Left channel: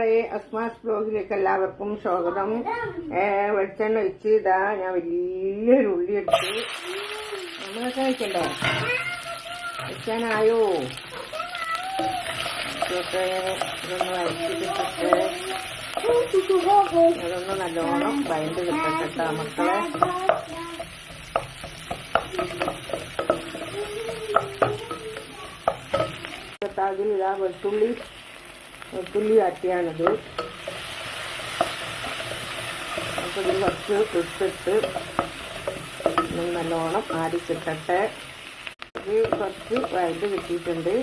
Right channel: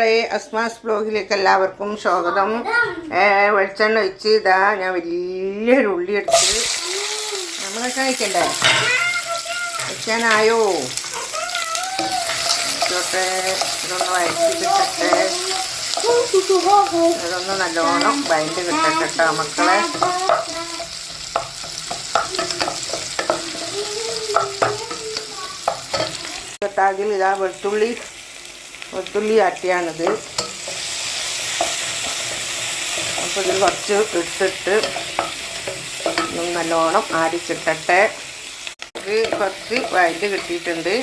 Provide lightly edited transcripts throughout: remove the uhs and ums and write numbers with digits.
അസ്മാസ് ബ്ലോഗിലേക്ക് എല്ലാവർക്കും സ്വാഗതം. വെളിച്ചെണ്ണ ഒഴിച്ച് ഇതാ ഞാൻ വലിയൊരു ഉള്ളി എടുത്ത് നമ്മൾ കഴിക്കണ്ടേ, വെക്കാനായോ ഇതൊന്ന് വഴറ്റിട്ടിട്ട് ഇതൊന്ന് നല്ലോണം വഴണ്ട് കിട്ടട്ടോ മക്കളെ. അതിൽ ഇതാ വെളുത്തുള്ളി ആട്ടിയാണിത്. അപ്പോൾ ഇത് കുറച്ച് ഇട്ടിട്ട് നല്ലോണം ആടിച്ചിട്ടെ. ഇത് കുറച്ച് വഴറ്റി കിട്ടിയിട്ടുണ്ട്.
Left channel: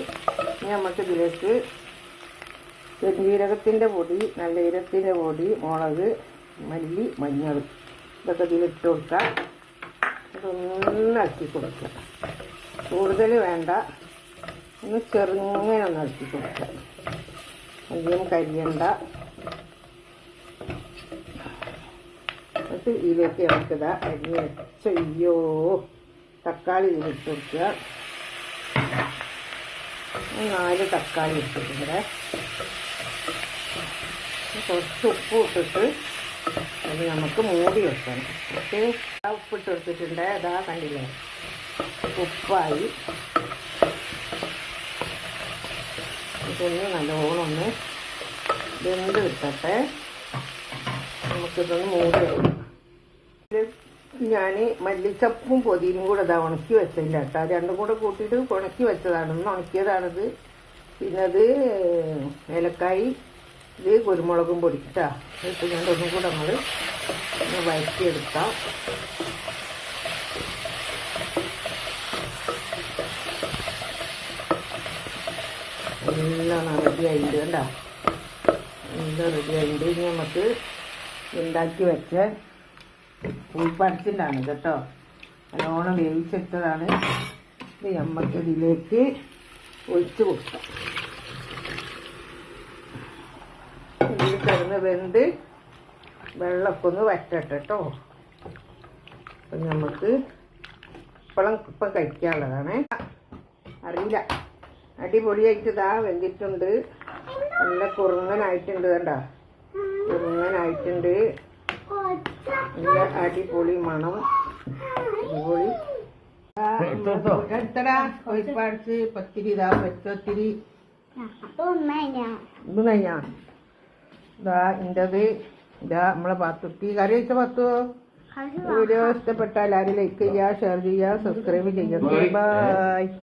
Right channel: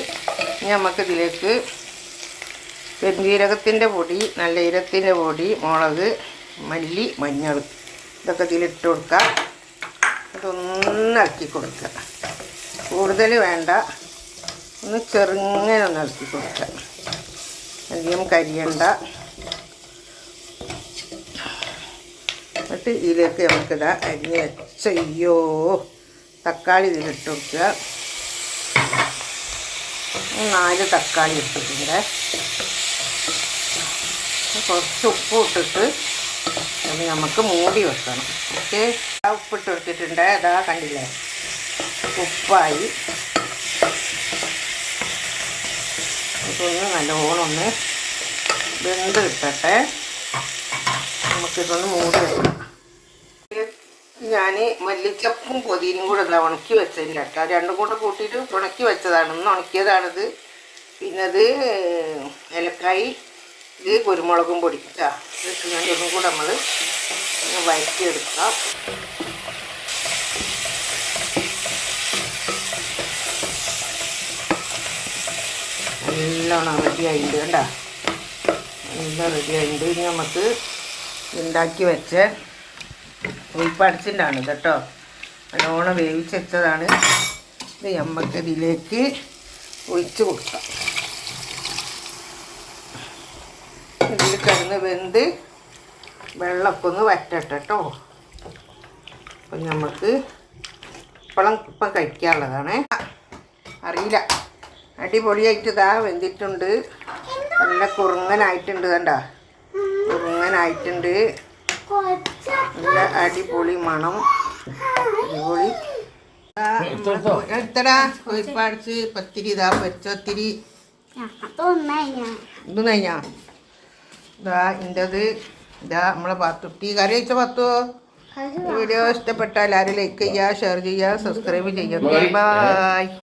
ഇനി നമുക്കിതിലേക്ക് പെരുംജീരകത്തിൻ്റെ പൊടി, നല്ല ജീരകത്തിൻ്റെ പൊടി, മുളക്, മല്ലി, മഞ്ഞൾ ഇതൊക്കെ ഇതിലിട്ട് കൊടുക്കുക. ഇതൊന്ന് ഇളക്കി കൊടുക്കുക. കൂടുതൽ വേണ്ട, ഒന്ന് ചെറുങ്ങനെ ഒന്ന് ഇളക്കി കൊടുക്കുക. അധികം കരിയണ്ട. എന്നിട്ട് ഇതിലേക്ക് നമുക്കിതാ അരിഞ്ഞ് വെച്ചയ്യോ തക്കാളി ഇതിലിട്ട് കൊടുക്കുക. 4 തക്കാളി ഇട്ടിട്ടുണ്ട്. കുറച്ച് ഉപ്പ് ഇട്ടിട്ട് അത് നമുക്ക് മൂടി വെക്കണം. ഓക്കെ, ഉപ്പിട്ട് കൊടുത്തിട്ടുണ്ട്. അതാ കണ്ടില്ലേ, ഉപ്പായി. ഇതൊന്ന് നല്ലോണം ഒന്ന് വെന്ത് കിട്ടട്ടെ. നമുക്കിതൊന്ന് മൂടി വെക്കണം. ഞാൻ മല്ലിച്ചപ്പും പൊതിനും കൂടെ ഇതാ ഉണക്കി വെച്ചില്ല കേട്ടോ. രണ്ടും കൂടെ കൂട്ടിയിട്ട് ഉണക്കി വെച്ചതാണ്. ഒന്ന് ഉണക്കിയതാണിത്. പിന്നെ അത് ഏലക്കായി, ഇത് കുരുമുളകും പൊടി കേട്ടോ. ഇതിട്ട് ഞാൻ ഒന്നും കൂടെ നമ്മൾ വഴറ്റിയെടുക്കാം. നല്ലോണം റെഡി ആയിട്ടുണ്ട് കേട്ടോ. എല്ലാം റെഡി ആയിട്ടുണ്ട്. ഇനി നമുക്ക് ഉണ്ടാക്കി വെച്ച ഉൾപ്പടച്ചിൻ്റെ ആണ് കേട്ടോ. നല്ലോണം വേവിച്ച് വെച്ചതാണ്. ഇത് നമുക്ക് ഇതിലേക്ക് ഒഴിച്ച് കൊടുക്കാം. ഇതിൽ കിടന്ന് വെന്ത് വെള്ളമൊക്കെ ഒന്ന് വറ്റട്ടെ കേട്ടോ. അപ്പം നമുക്ക് ഇപ്പം കഴിക്കാനുള്ളതാണ്. അറിയില്ല, അടിപൊളിയായിട്ട് ഇതാ വെന്തിട്ടുണ്ട്. നല്ല കുറുങ്ങനായിട്ടുണ്ട്. കണ്ട, കുറുങ്ങനായിട്ടുണ്ട്. നല്ല അടിപൊളി മണം. അടിപൊളി. എടുത്തടാ കൊഴിപ്പടിച്ച് പത്തിരി ഇതാ പൊരിച്ചത്തിരി. ഇത് കഴിഞ്ഞാ ഇതാ ഇൻ്റെത്. ഇതാ നമ്മളെ പാത്തുട്ടി കറി വെച്ച പത്തോ. വീഡിയോ ഇഷ്ടപ്പെട്ടാൽ എല്ലാവരും ലൈക്ക് ചെയ്യുക, ഷെയർ ചെയ്യുക, സബ്സ്ക്രൈബ് ചെയ്യുക. ബൈ.